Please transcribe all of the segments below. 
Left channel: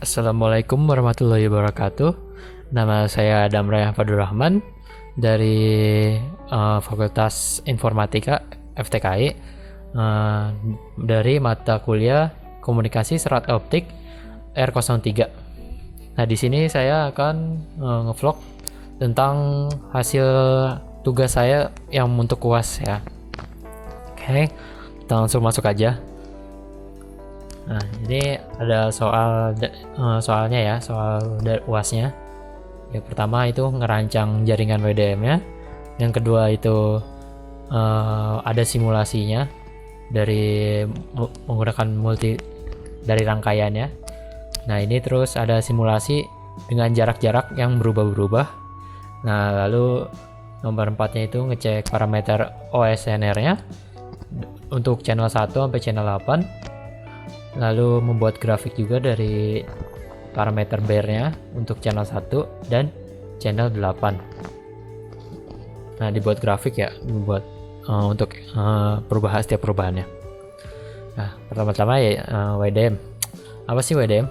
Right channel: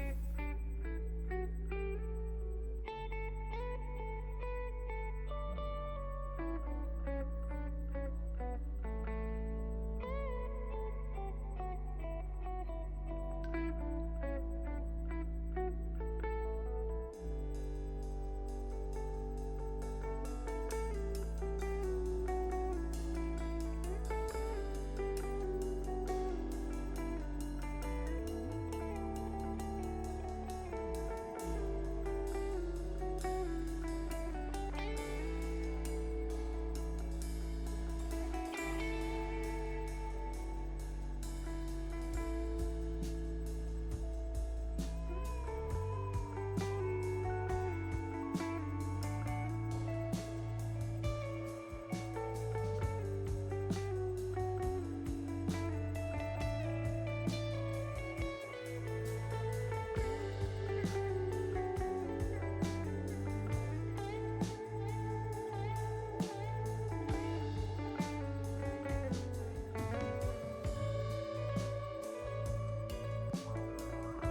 Assalamualaikum warahmatullahi wabarakatuh. Nama saya Damraya Fadurrahman dari Fakultas Informatika FTKI, dari mata kuliah Komunikasi Serat Optik R03. Nah, di sini saya akan ngevlog tentang hasil tugas saya yang untuk UAS ya. Oke, kita langsung masuk aja. Nah, ini ada soalnya ya, soal UASnya. Yang pertama itu ngerancang jaringan WDM-nya. Yang kedua itu ada simulasinya dari menggunakan dari rangkaiannya. Nah, ini terus ada simulasi dengan jarak-jarak yang berubah-berubah. Nah, lalu nomor 4-nya itu ngecek parameter OSNR-nya untuk channel 1 sampai channel 8. Lalu membuat grafik juga dari parameter bear-nya untuk channel 1 dan channel 8. Nah, dibuat grafik ya, dibuat untuk setiap perubahannya. Nah, pertama-tama ya WDM. Apa sih WDM?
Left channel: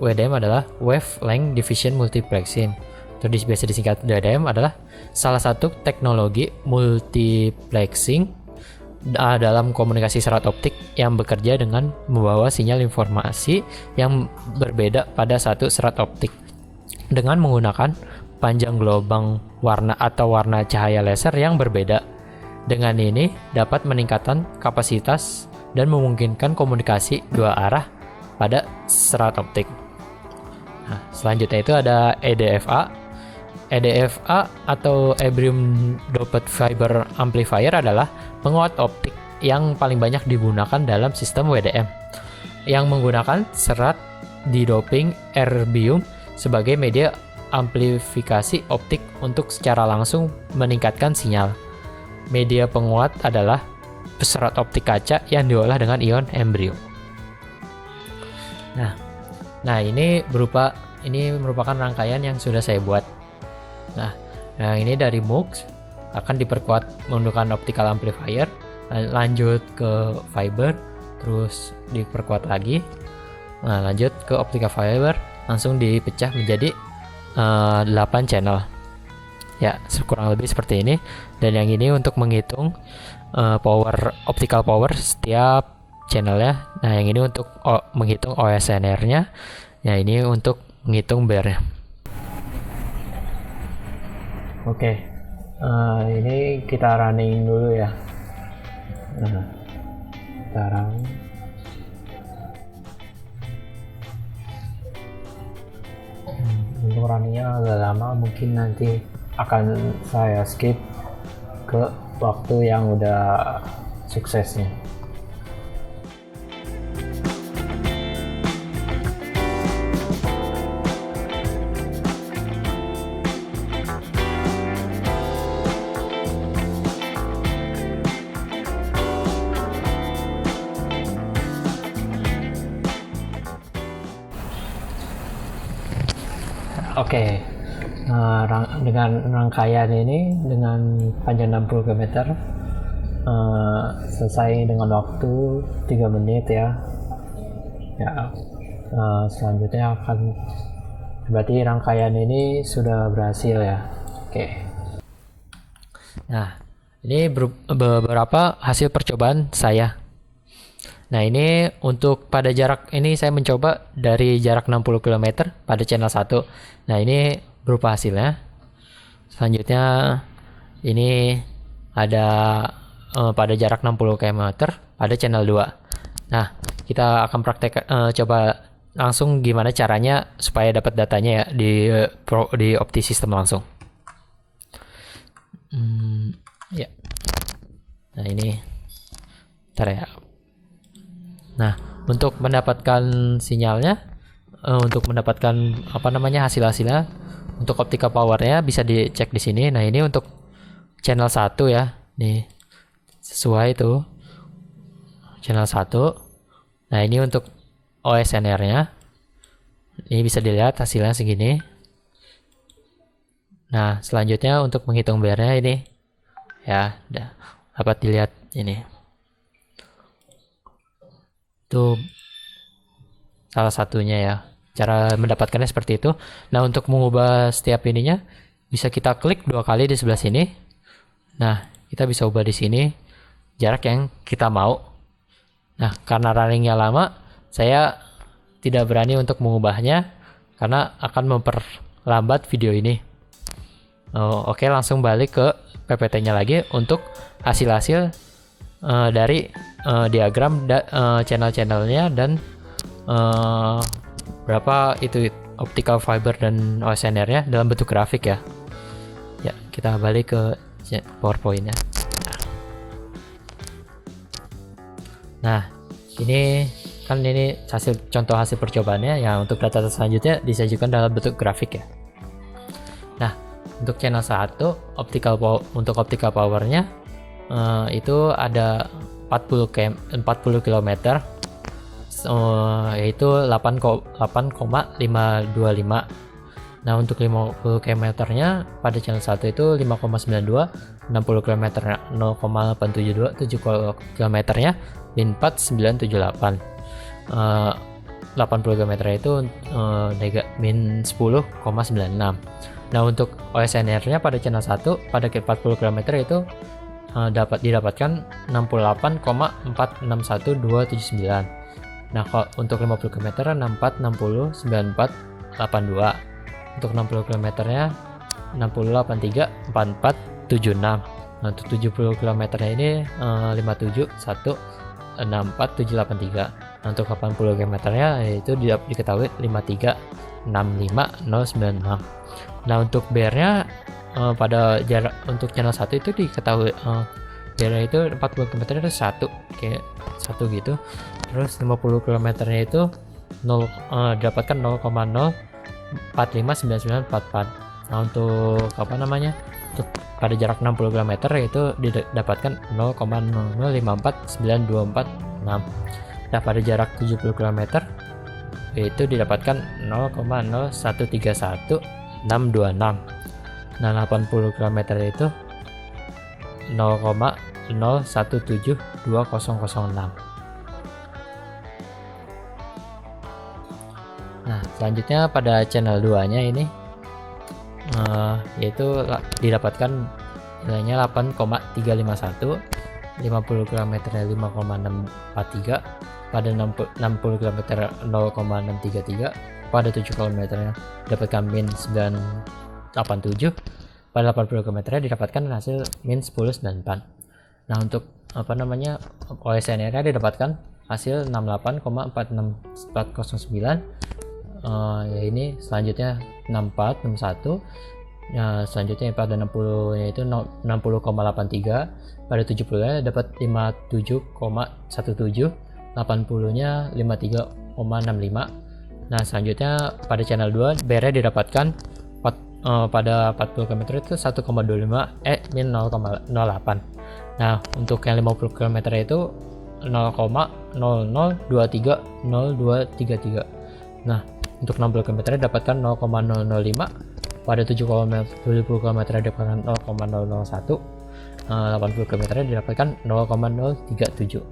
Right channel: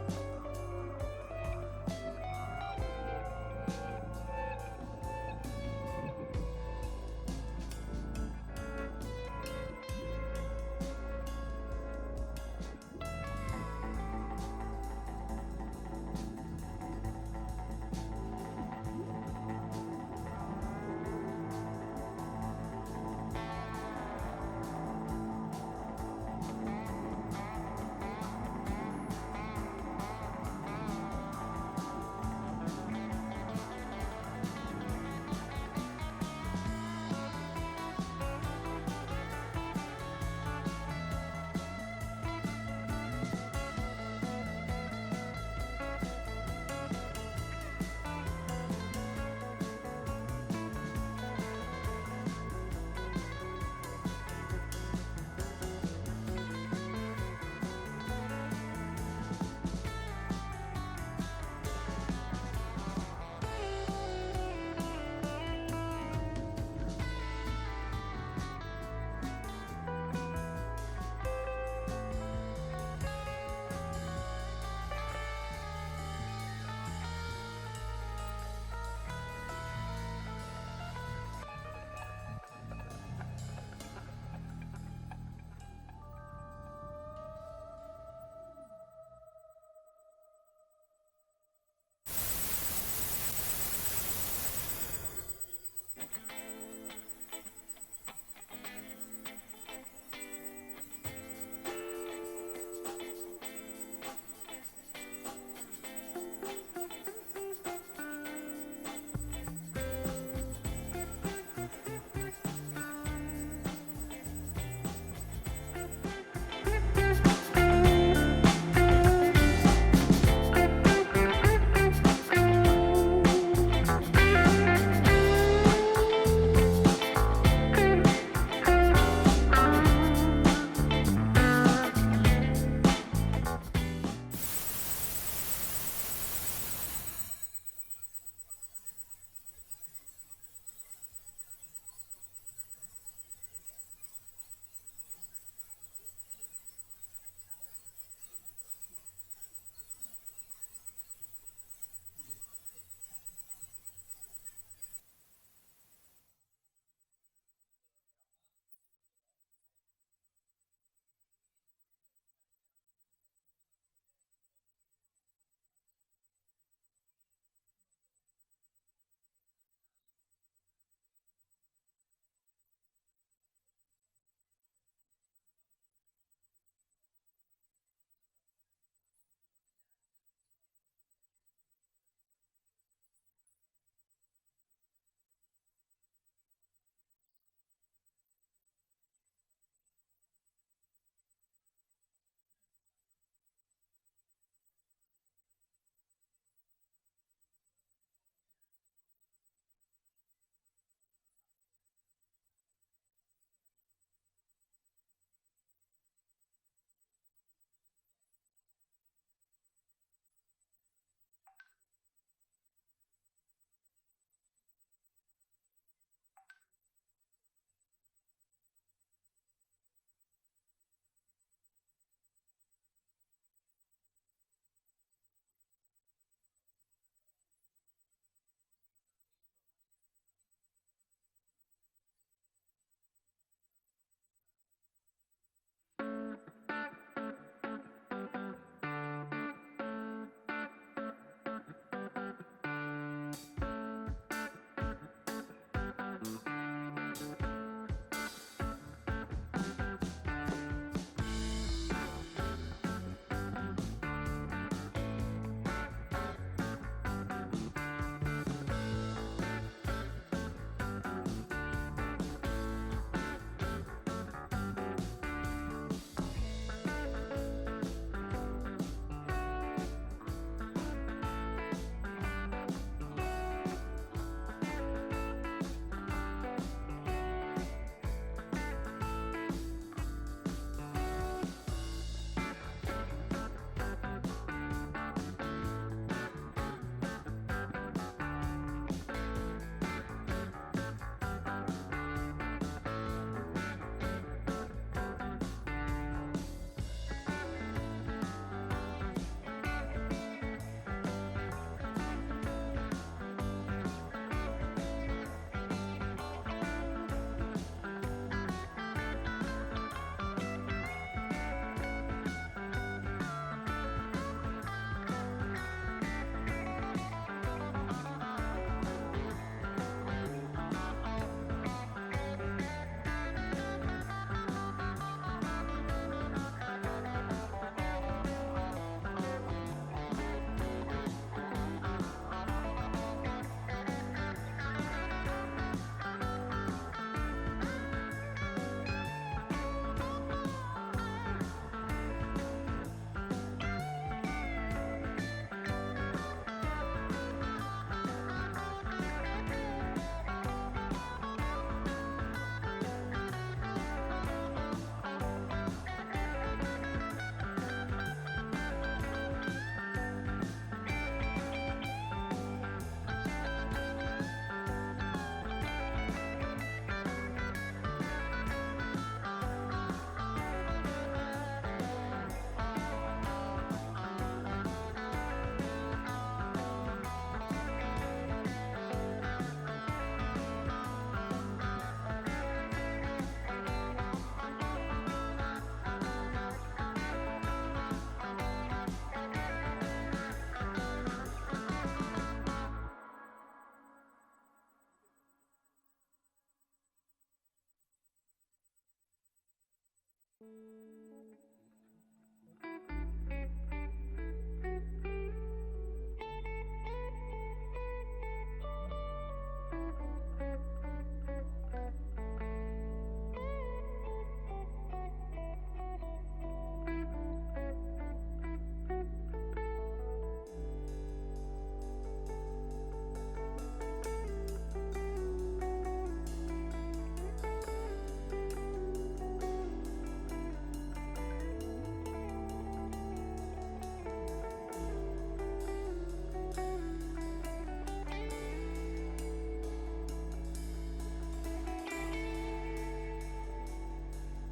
WDM adalah Wavelength Division Multiplexing. Atau biasa disingkat WDM adalah salah satu teknologi multiplexing dalam komunikasi serat optik yang bekerja dengan membawa sinyal informasi yang berbeda pada satu serat optik dengan menggunakan panjang gelombang warna atau warna cahaya laser yang berbeda. Dengan ini dapat meningkatkan kapasitas dan memungkinkan komunikasi dua arah pada serat optik. Nah, selanjutnya itu ada EDFA. EDFA atau Erbium Doped Fiber Amplifier adalah penguat optik yang paling banyak digunakan dalam sistem WDM yang menggunakan serat didoping erbium sebagai media amplifikasi optik untuk secara langsung meningkatkan sinyal. Media penguat adalah serat optik kaca yang diolah dengan ion erbium. Nah, ini merupakan rangkaian yang sudah saya buat. Nah, ini dari MUX akan diperkuat menggunakan optical amplifier, lanjut ke fiber, terus diperkuat lagi. Nah, lanjut ke optical fiber, langsung dipecah menjadi 8 channel. Ya, kurang lebih seperti ini. Dan yang ini untuk menghitung optical power setiap channelnya. Nah, yang ini untuk menghitung OSNR-nya. Ya, ini untuk menghitung bear-nya. Oke, ini kita running dulu ya. Nah, sekarang untuk runningnya agak lama, mungkin nanti akan saya skip ke waktu yang udah suksesnya. Oke, dengan rangkaian ini dengan panjang 60 km selesai dengan waktu 3 menit ya. Selanjutnya akan berarti rangkaian ini sudah berhasil ya. Oke. Nah, ini beberapa hasil percobaan saya. Nah, ini untuk pada jarak ini saya mencoba dari jarak 60 km pada channel 1. Nah, ini berupa hasilnya. Selanjutnya ini ada pada jarak 60 km pada channel 2. Nah, kita akan praktek coba langsung gimana caranya supaya dapat datanya ya di OptiSystem langsung. Ya. Nah, ini ntar ya. Nah, untuk mendapatkan sinyalnya, untuk mendapatkan hasil-hasilnya, untuk optical powernya bisa dicek di sini. Nah, ini untuk channel 1 ya. Nih, sesuai itu. Channel 1. Nah, ini untuk OSNR-nya. Ini bisa dilihat hasilnya segini. Nah, selanjutnya untuk menghitung bear-nya ini. Ya, dapat dilihat ini. Itu salah satunya ya. cara mendapatkannya seperti itu. Nah, untuk mengubah setiap ininya bisa kita klik 2 kali di sebelah sini. Nah, kita bisa ubah di sini jarak yang kita mau. Nah, karena runningnya lama, saya tidak berani untuk mengubahnya karena akan memperlambat video ini. Oke, langsung balik ke PPT-nya lagi untuk hasil-hasil dari diagram channel-channelnya dan berapa itu optical fiber dan OSNR-nya dalam bentuk grafik ya. Ya, kita balik ke PowerPoint-nya. Nah, ini contoh hasil percobaannya ya. Untuk data selanjutnya disajikan dalam bentuk grafik ya. Nah, untuk channel 1 untuk optical powernya itu ada 40 km, yaitu 8,525. Nah, untuk 50 km nya pada channel 1 itu 5,92, 60 km 0,872, 70 km nya min 4978, 80 km itu min 10,96. Nah, untuk OSNR-nya pada channel 1 pada 40 km itu didapatkan 68,461279. Nah, kalau untuk 50 km 64, 60, 94, 82. Untuk 60 km nya 60, 83, 44, 76. Nah, untuk 70 km nya ini 57, 1, 64, 783. Nah, untuk 80 km nya itu diketahui 53, 65, 096. Nah, untuk BR-nya pada jarak untuk channel 1 itu diketahui jaraknya itu 40 km itu 1 kayak 1 gitu. Terus 50 km nya itu dapatkan 0,0459944. Nah, untuk untuk pada jarak 60 km itu didapatkan 0,0054924. Nah, pada jarak 70 km itu didapatkan 0,0131626. Nah, 80 km itu 0,01720006. Nah, selanjutnya pada channel 2 nya ini yaitu didapatkan nilainya 8,351, 50 km 5,643, pada 60 km 0,633, pada 7 km didapatkan min 987, pada 80 km didapatkan hasil min 1094. Nah, untuk OSNR-nya didapatkan hasil 68,46409. Ya, ini selanjutnya 64, 61. Ya, selanjutnya pada 60 yaitu 60,83, pada 70 nya dapat 57,17, 80 nya 53,65. Nah, selanjutnya pada channel 2 BR didapatkan pada 40 km itu 1,25 min 0,08. Nah, untuk yang 50 km itu 0,00230233. Nah, untuk 60 km dapatkan 0,005, pada 70 km dapatkan 0,001, 80 km didapatkan 0,037.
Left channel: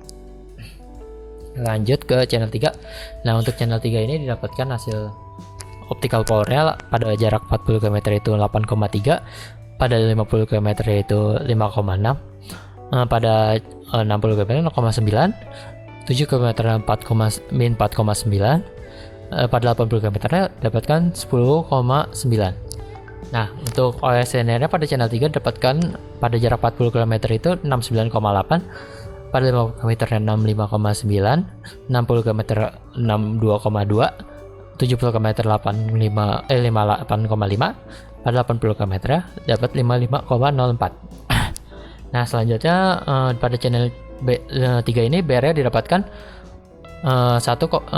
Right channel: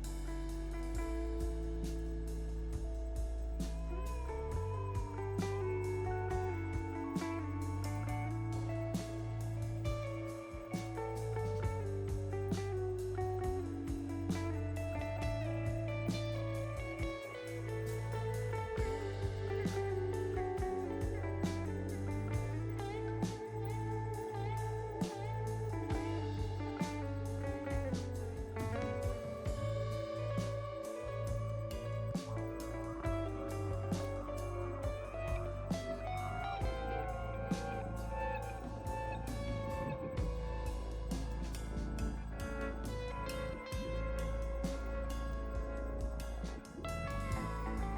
Lanjut ke channel 3. Nah, untuk channel 3 ini didapatkan hasil optical powernya pada jarak 40 km itu 8,3, pada 50 km itu 5,6, pada 60 km 0,9, 7 km min 4,9, pada 80 km dapatkan 10,9. Nah, untuk OSNR-nya pada channel 3 dapatkan pada jarak 40 km itu 69,8, pada 50 km 65,9, 60 km 62,2, 70 km 58,5, pada 80 km dapat 55,04. Nah, selanjutnya pada channel 3 ini BR didapatkan 1,26,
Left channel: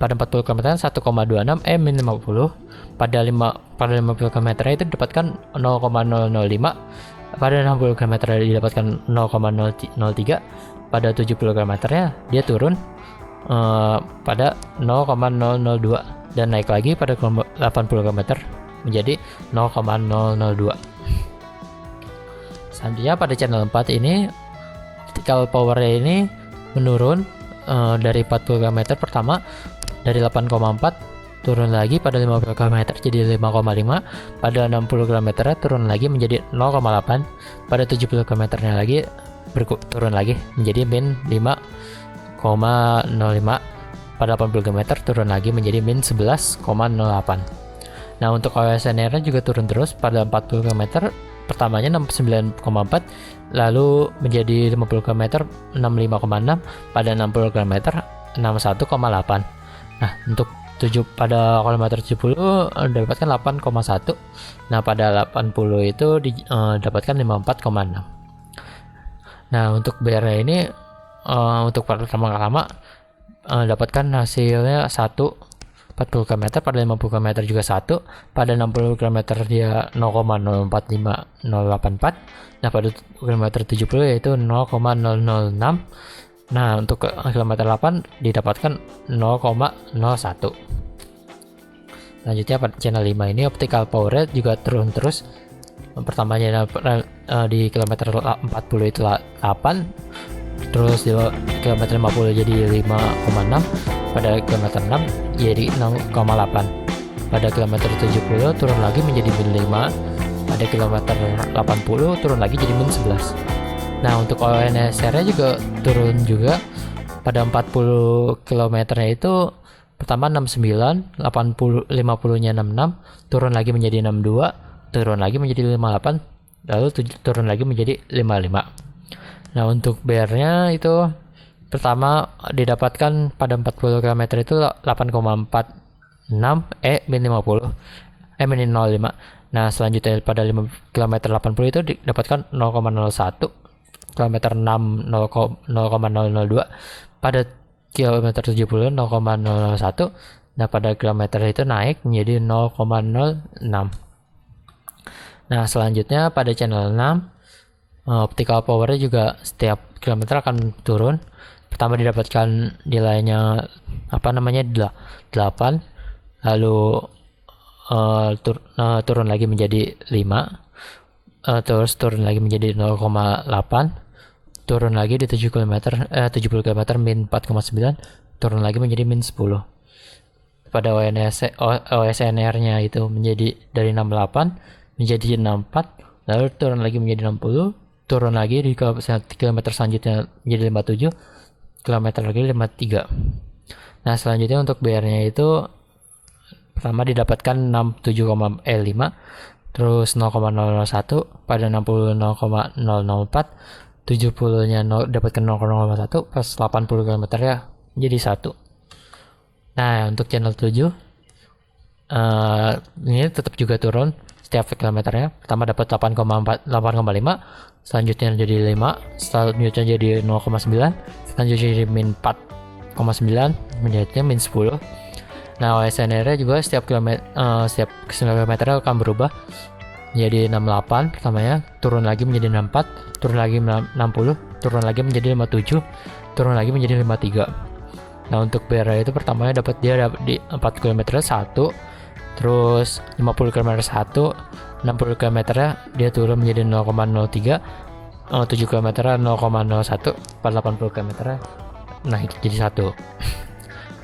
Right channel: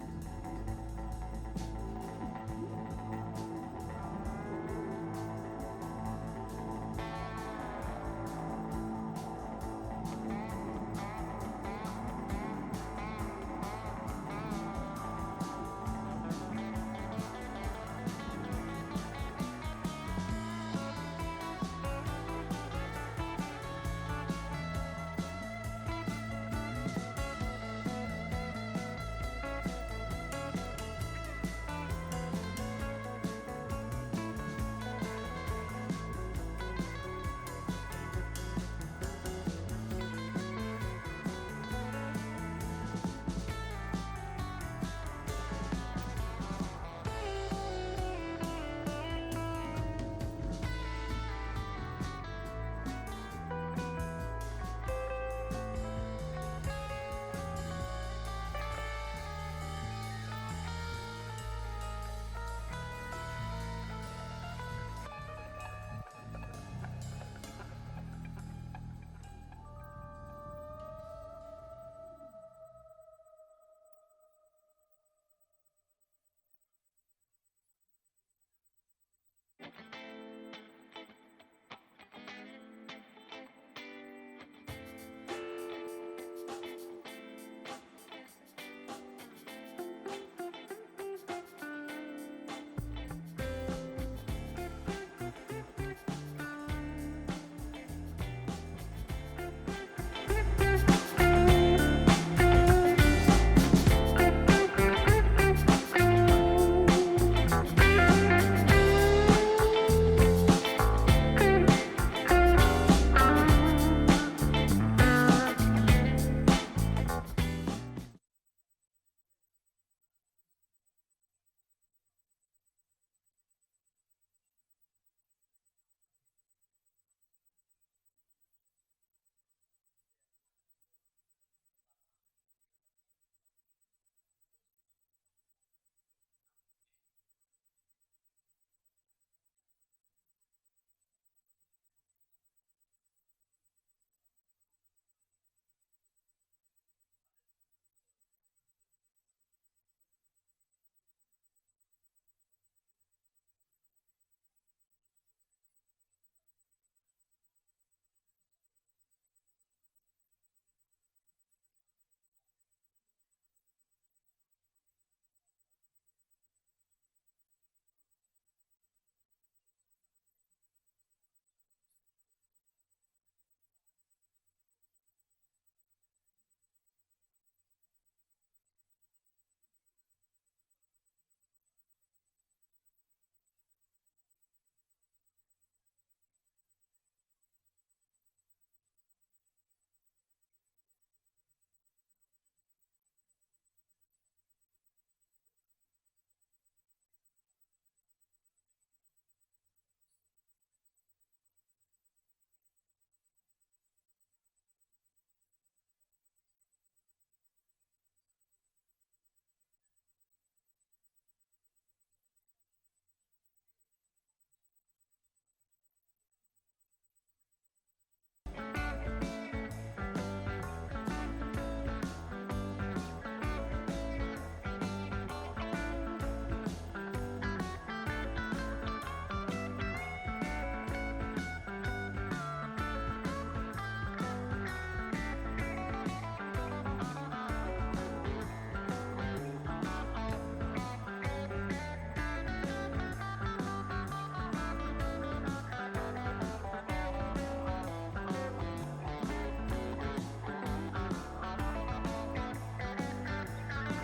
pada 40 km 1,26 min 50, pada 50 km itu didapatkan 0,005, pada 60 km didapatkan 0,003, pada 70 km nya dia turun pada 0,002 dan naik lagi pada 80 km menjadi 0,002. Selanjutnya pada channel 4 ini optical power ini menurun dari 40 km pertama dari 8,4 turun lagi pada 50 km jadi 5,5, pada 60 km turun lagi menjadi 0,8, pada 70 km lagi turun lagi menjadi min 5,05, pada 80 km turun lagi menjadi min 11,08. Nah, untuk OSNR juga turun terus pada 40 km pertamanya 69,4, lalu menjadi 50 km 65,6, pada 60 km 61,8. Nah, untuk pada kilometer 70 dapatkan 8,1. Nah, pada 80 itu dapatkan 54,6. Nah, untuk BR ini untuk pertama-tama dapatkan hasilnya 1 40 km, pada 50 km juga 1, pada 60 km dia 0,045084. Nah, pada kilometer 70 yaitu 0,006. Nah, untuk kilometer 8 didapatkan 0,01. Selanjutnya pada channel 5 ini optical power rate juga turun terus. Pertamanya di kilometer 40 itu 8, terus di kilometer 50 jadi 5,6, pada kilometer 6 jadi 0,8, pada kilometer 70 turun lagi menjadi min 5, pada kilometer 80 turun lagi jadi min 11. Nah, untuk ONSR nya juga turun juga pada 40 km itu pertama 69, 50 nya 66, turun lagi menjadi 62, turun lagi menjadi 58, lalu turun lagi menjadi 55. Nah, untuk BR-nya itu pertama didapatkan pada 40 km itu 8,46 min 50 min 05. Nah, selanjutnya pada 5 km 80 itu didapatkan 0,01, kilometer 6 0,002, pada kilometer 70 0,001. Nah, pada kilometer itu naik menjadi 0,06. Nah, selanjutnya pada channel 6 optical power juga setiap kilometer akan turun. Pertama didapatkan nilainya 8, lalu turun lagi menjadi 5, terus turun lagi menjadi 0,8, turun lagi di 70 km min 4,9, turun lagi menjadi min 10. Pada OSNR nya itu menjadi dari 68 menjadi 64, lalu turun lagi menjadi 60, turun lagi di kilometer selanjutnya menjadi 57, kilometer lagi 53. Nah, selanjutnya untuk BR-nya itu pertama didapatkan 67,5, terus 0,001, pada 60 0,004, 70-nya dapatkan 0,01, pas 80 km ya jadi 1. Nah, untuk channel 7 ini tetap juga turun setiap kilometernya. Pertama dapat 8,5, selanjutnya jadi 5, selanjutnya jadi 0,9, selanjutnya jadi min 4,9, menjadinya min 10. Nah, OSNR juga setiap kilometer akan berubah jadi 68 pertamanya, turun lagi menjadi 64, turun lagi 60, turun lagi menjadi 57, turun lagi menjadi 53. Nah, untuk BR itu pertamanya dapat di 4 km 1, terus 50 km 1, 60 km dia turun menjadi 0,03, 7 km 0,01, pada 80 km naik jadi 1.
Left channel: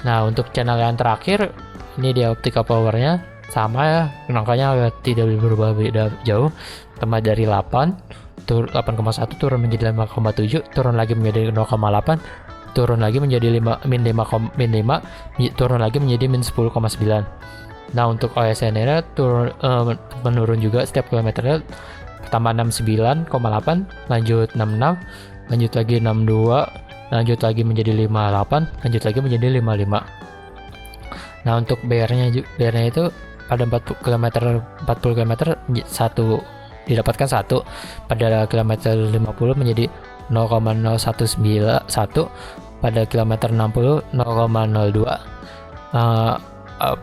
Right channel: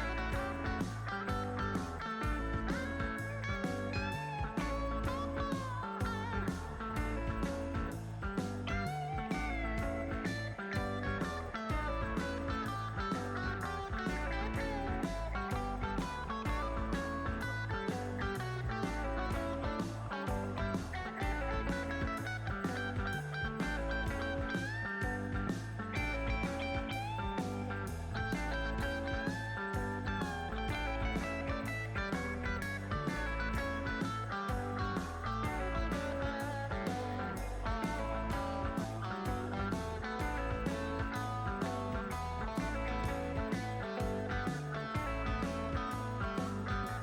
Nah, untuk channel yang terakhir ini dia optical powernya sama ya, angkanya tidak berubah beda jauh. Pertama dari 8,1 turun menjadi 5,7, turun lagi menjadi 0,8, turun lagi menjadi min 5, turun lagi menjadi min 10,9. Nah, untuk OSNR menurun juga setiap kilometernya. Pertama 69,8, lanjut 66, lanjut lagi 62, lanjut lagi menjadi 58, lanjut lagi menjadi 55. Nah, untuk BR-nya itu pada 40 km 1 didapatkan 1, pada kilometer 50 menjadi 0,0191, pada kilometer 60 0,02,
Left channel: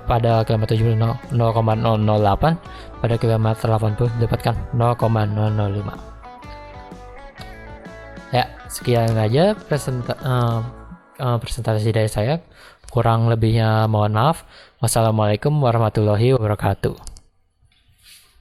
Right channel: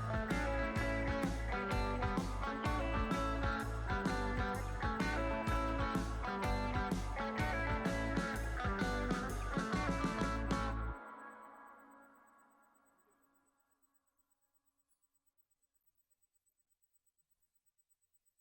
pada kilometer 70 0,008, pada kilometer 80 didapatkan 0,005. Ya, sekian aja presentasi dari saya. Kurang lebihnya mohon maaf. Wassalamualaikum warahmatullahi wabarakatuh.